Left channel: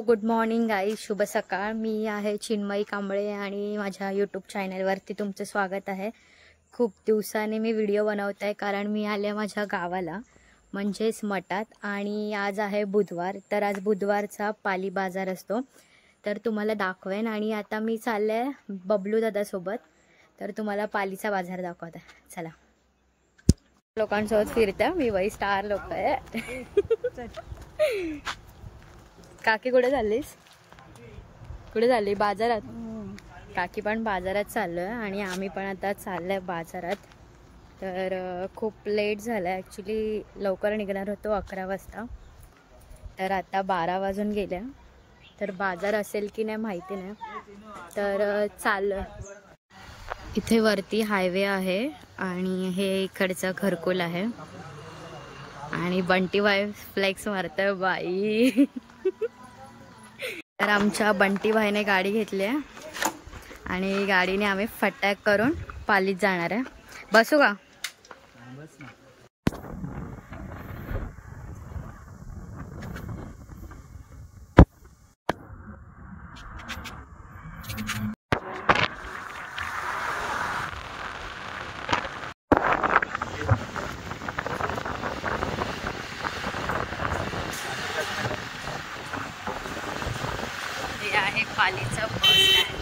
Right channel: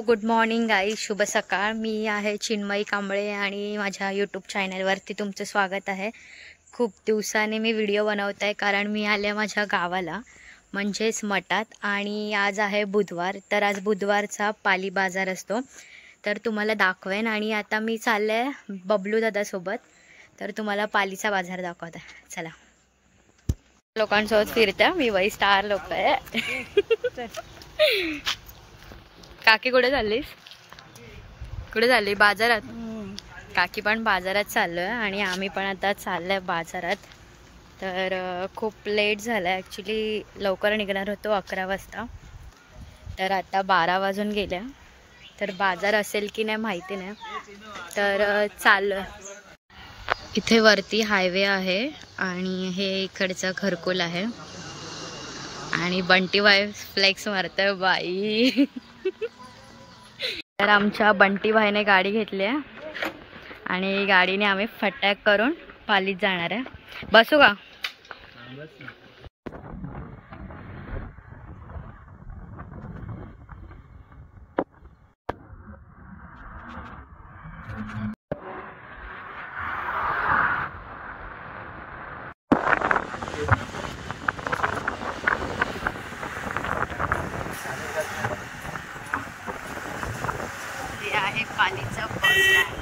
Good morning guys, शुभ सकाळ. मी आहे चिन्मयी कांबळे आणि माझ्या यूट्यूब चॅनलवरती तुमचं स्वागत आहे. खूप दिवसाने मी व्हिडिओ बनवत आहे कारण मी आले माझ्या गावाला म्हणजेच मठात. आणि आज आहे बुधवार, तर आज बुधवारचा पाली बाजार असतो, तर तुम्हाला दाखवेन. आणि आता मी चालले आहे बबलू दादासोबत, तर तुम्हाला पालीचा बाजार दाखवत आहे. चला, लोकांसोबत फिरते मी, वही स्टार लोक आहे. काकी कुठे चाललीस? कुठे चालली? बाजारात. काकी पण बाजारात चाललोय आणि आम्ही पण आता चाललोय बाजारात. तर खूप लेट झालं ॲक्च्युली, लवकर निघणार होतो 11 वाजता, तर आता 12 वाजून गेल्या. तर बाजार असेल की नाही माहिती नाही, तर चाललोय. इथे वरती हायवे आहे आणि हे इकडचं घरकुल आहे आणि बंटी बाई फ्लेक्स मारतोय बाई. तर आमच्या बंटी भाईने गाडी घेतली आहे आणि गाडीने आम्ही फटाक करून पालीत जाणार आहे. बसू का? हे आहे पालीचं बस स्टँड.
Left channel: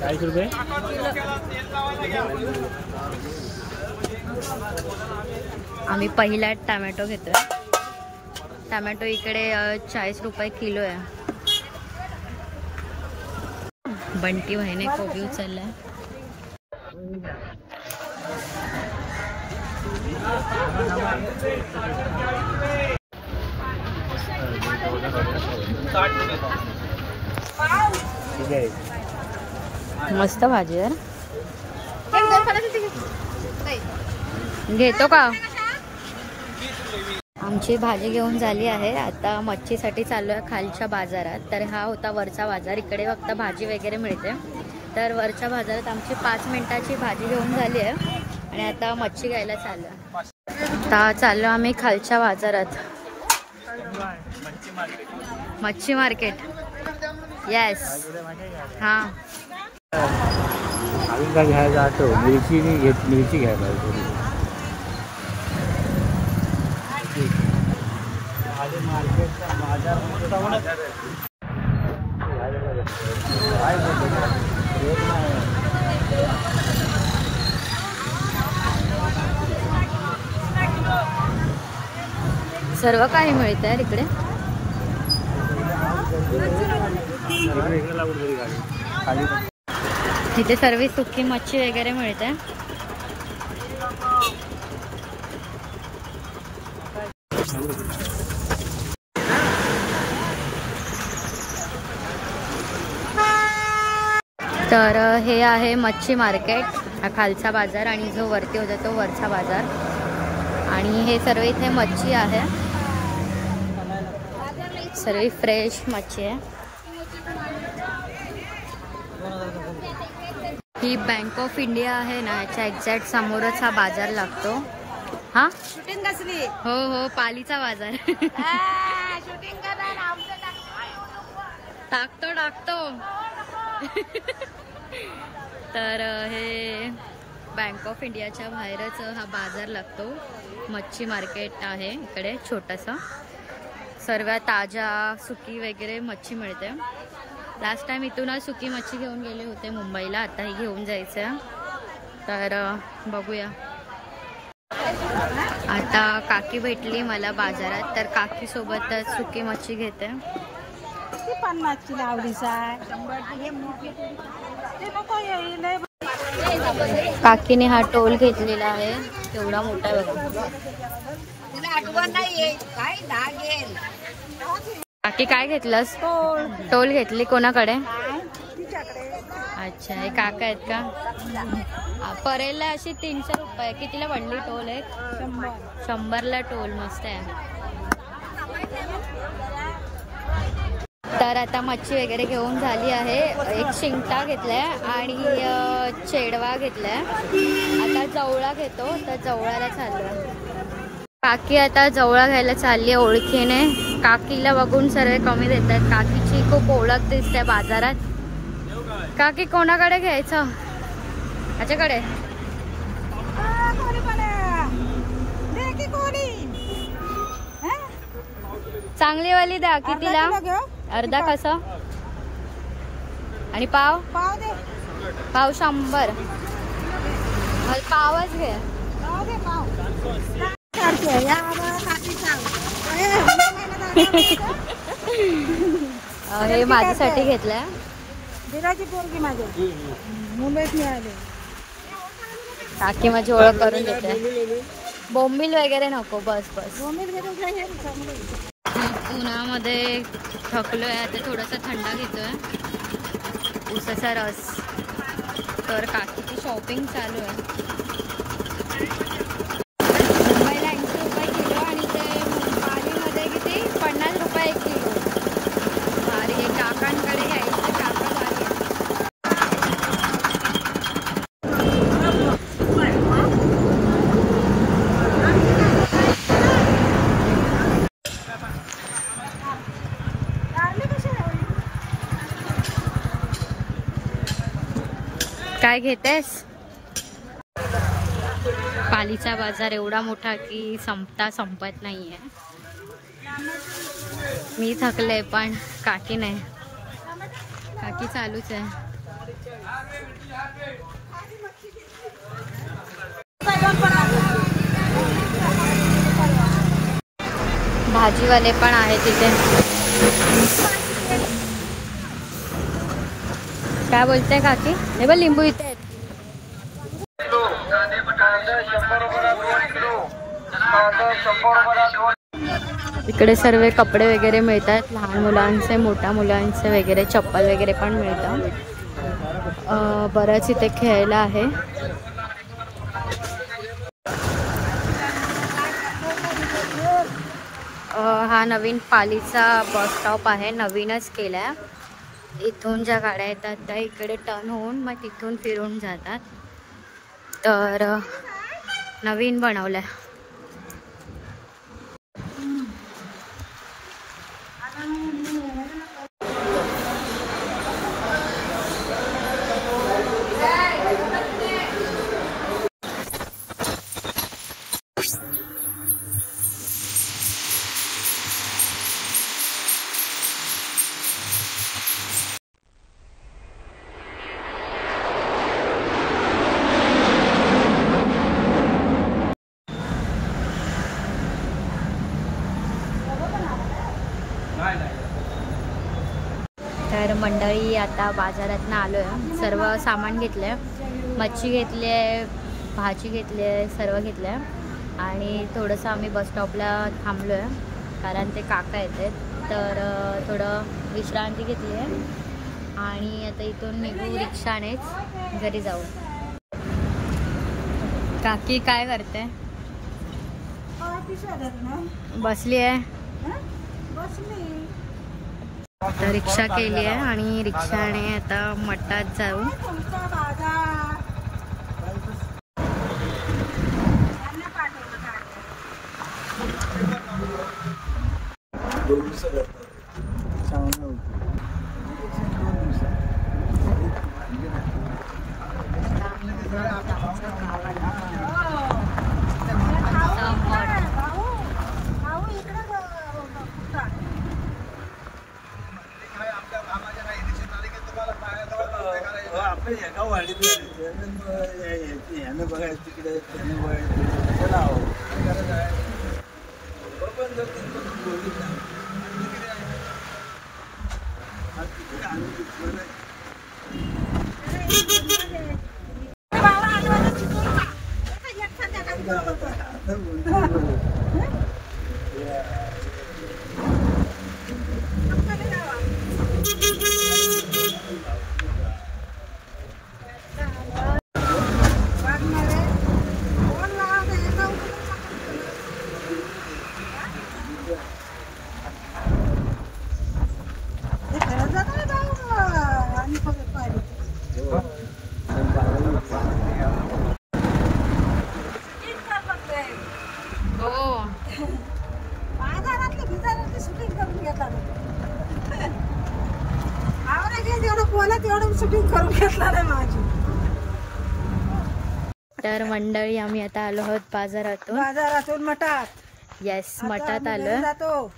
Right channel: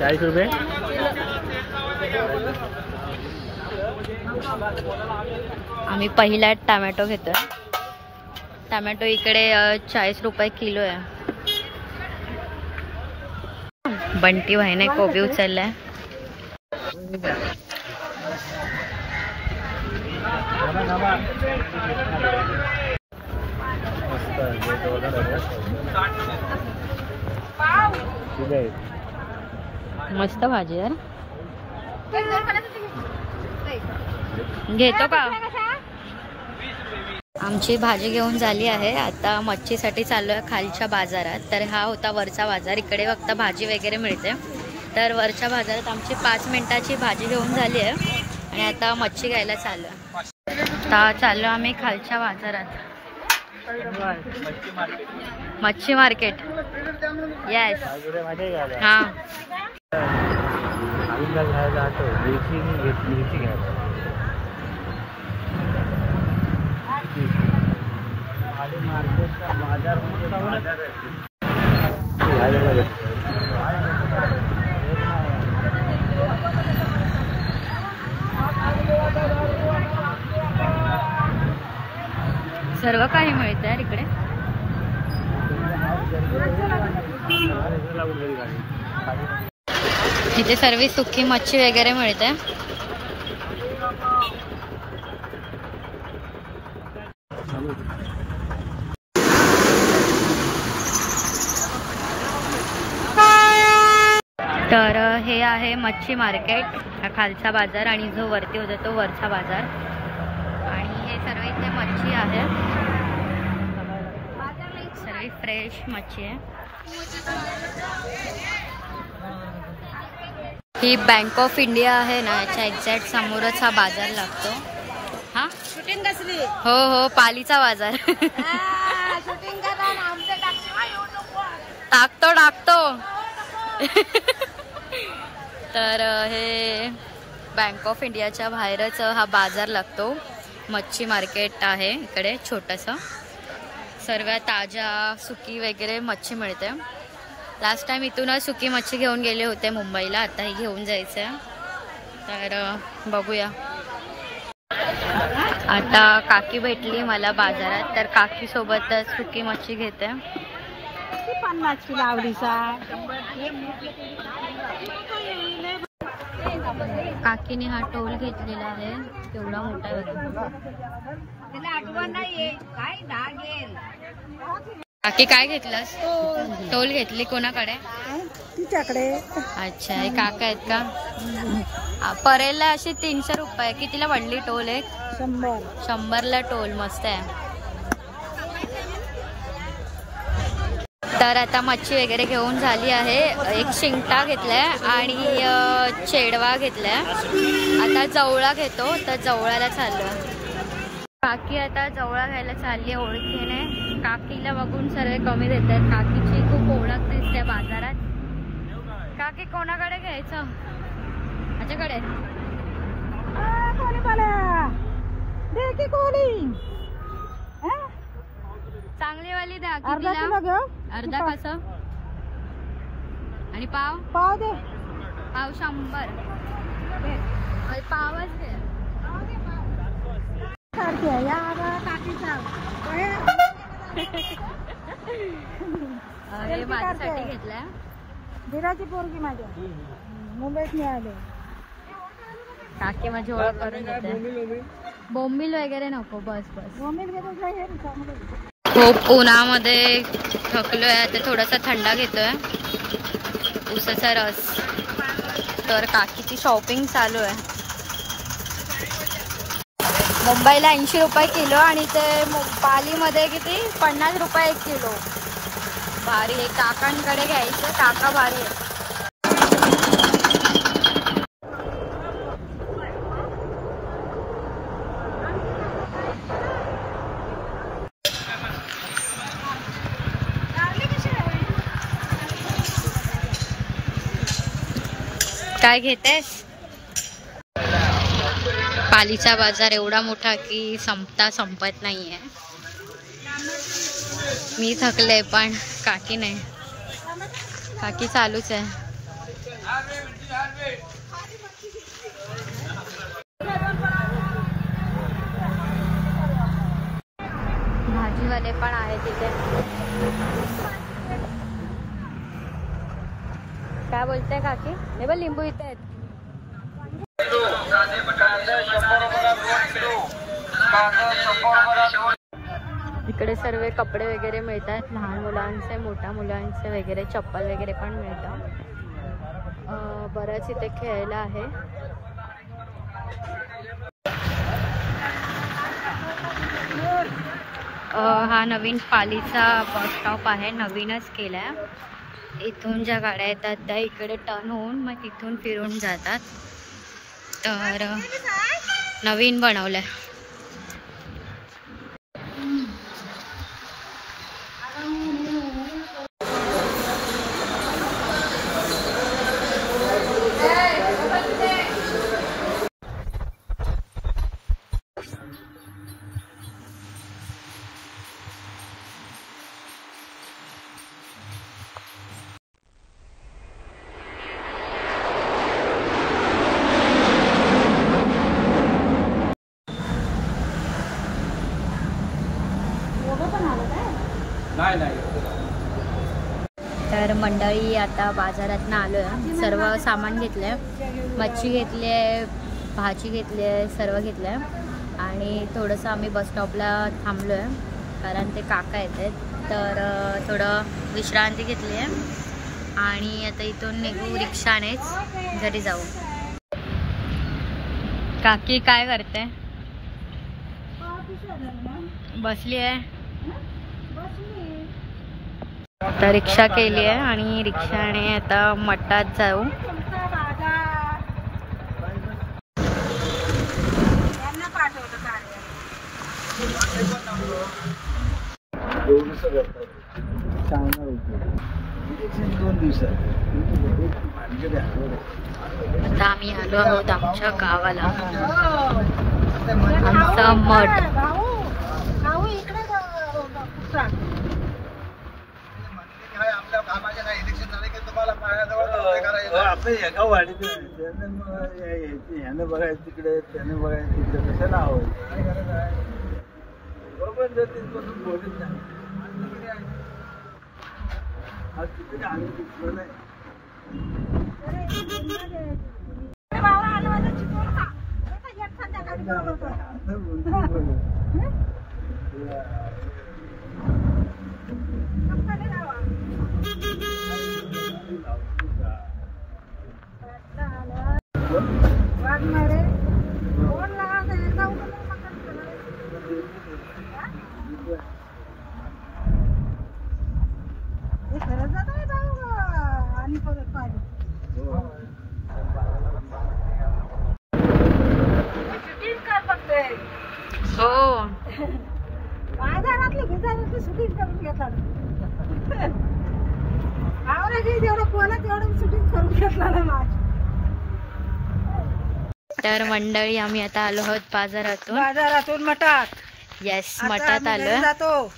₹40. आम्ही पहिला टमॅटो घेतोय. टमॅटो इकडे 40 रुपये किलो आहे. बंटी भाईने कोबी उचललाय. मस्त भाजी यार, घेतो का? आमची भाजी घेऊन झाली आहे. आता मच्छीसाठी चाललो आहे खालच्या बाजारात. तर हा होता वरचा बाजार, इकडे फक्त भाजी वगैरे मिळते. तर वरच्या बाजारात आमची 5 मिनिटाची भाजी घेऊन झाली आहे आणि आता मच्छी घ्यायला चाललो आहे. आता चाललो आम्ही खालच्या बाजारात, मच्छी मार्केट. येस, हां. सर्व काही मिळतं यार इकडे. इथे सर्व सुकी मच्छी वगैरे मिळते. तर हे आहे मच्छी मार्केट, हा खालचा बाजार, आणि जो वरती होता तो वरचा बाजार. आणि हे सर्व इथे मच्छी आहे, सर्व फ्रेश मच्छी आहे. ही बँक ऑफ इंडिया आहे ना, याच्या एक्झॅक्ट समोरच हा बाजार लागतो. हा, हो हो, पालीचा बाजार. टाकतो. तर हे बँक ऑफ इंडियाच्या बाहेरच हा बाजार लागतो. मच्छी मार्केट आहे इकडे छोटंसं, सर्व ताजा सुकी वगैरे मच्छी मिळते. लास्ट टाइम इथूनच सुकी मच्छी घेऊन गेले होते मुंबईला, आता ही घेऊन जायचं आहे. तर बघूया. आता काकी भेटली मला बाजारात, तर काकी सोबतच सुकी मच्छी घेते. 50 लावडीचा. काकीने हा टोल घेतलेला आहे, तेवढा मोठा बघा. काकी काय घेतलंस? टोल घेतली. कोणाकडे? तिच्याकडे. अच्छा, हे काका आहेत का? परेलला अशी 300 रुपये. कितीला पडली टोल? एक 100ला टोल. मस्त आहे. तर आता मच्छी वगैरे घेऊन झाली आहे. एक शिंगटा घेतलाय आणि चेडवा घेतलाय. आता जवळा घेतो. तर जवळाला चाललोय. काकी आता जवळा घ्यायला चालली आहे ओळखीने. काकीला बघून सर्व कमी देतात. काकीची खूप ओळख दिसते बाजारात. काकी कोणाकडे घ्यायचं? ह्याच्याकडे. चांगली वाली द्या. कितीला? अर्धा कसा? आणि पाव? पाव दे. पाव 100. पावच घे. हे माझ्यासाठी घेतलंय. दिराची पोरगी माझ्या मुंबईत मिळाले. काकी माझी ओळख करून देते. बोंबील वगैरे नको. बस बस. खूप उन्हामध्ये थकलोय. आता थोडासा थंडा घेतोय. उसाचा रस. तर काकीची शॉपिंग चालू आहे. मुंबईला 80 रुपये किलो आणि ते पालीमध्ये किती? 50 रुपये 1 किलो. भारी आहे. काकांकडे घ्यायचं. काका भारी आहे. काय घेतेस? पालीचा बाजार एवढा मोठा की संपत नाहीये. मी थकले पण काकी नाही. काकी चालूच आहे. भाजीवाले पण आहे तिथे. काय बोलते काकी? हे बघ लिंबू इथे. इकडे सर्व कपडे वगैरे मिळतात. लहान मुलांचे, मोठ्या मुलांचे वगैरे. चप्पल वगैरे पण मिळतात. बरंच इथे खेळायला आहे. हा नवीन पालीचा बस स्टॉप आहे. नवीनच केलाय. इथून ज्या गाड्या येतात त्या इकडे टर्न होऊन मग तिथून फिरून जातात. तर नवीन बनवलंय. तर मंडळी आता बाजारातनं आलोय. सर्व सामान घेतलंय. मच्छी घेतली आहे, भाजी घेतली आहे, सर्व घेतलं आहे. आणि थोडंसं आम्ही बस स्टॉपला थांबलो आहे कारण ते काका येतात. तर थोडं विश्रांती घेतली आहे आणि आता इथून निघू रिक्षानेच घरी जाऊ. काकी काय करते? बसली आहे. आता रिक्षा केली आहे आणि रिक्षाने आता मठात जाऊ. आता आम्ही आलो आहोत आमच्या गावाला. मठ तिकडे त्याने बघायचं नाव बोलत एवढं शूटिंग करून घेतला नाही माझी. तर मंडळी आम्ही आता आलो आहोत बाजारातून मठात. येस, आता मठात आम्ही घरी आलो जातो.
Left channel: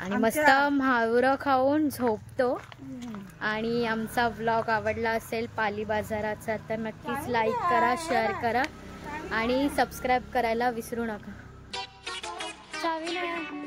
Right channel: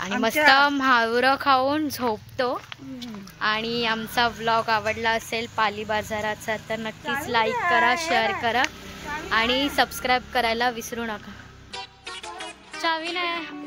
आणि मस्त म्हावरं खाऊन झोपतो. आणि आमचा व्लॉग आवडला असेल पाली बाजाराचा तर नक्कीच लाईक करा, शेअर करा आणि सबस्क्राईब करायला विसरू नका. चावी नाही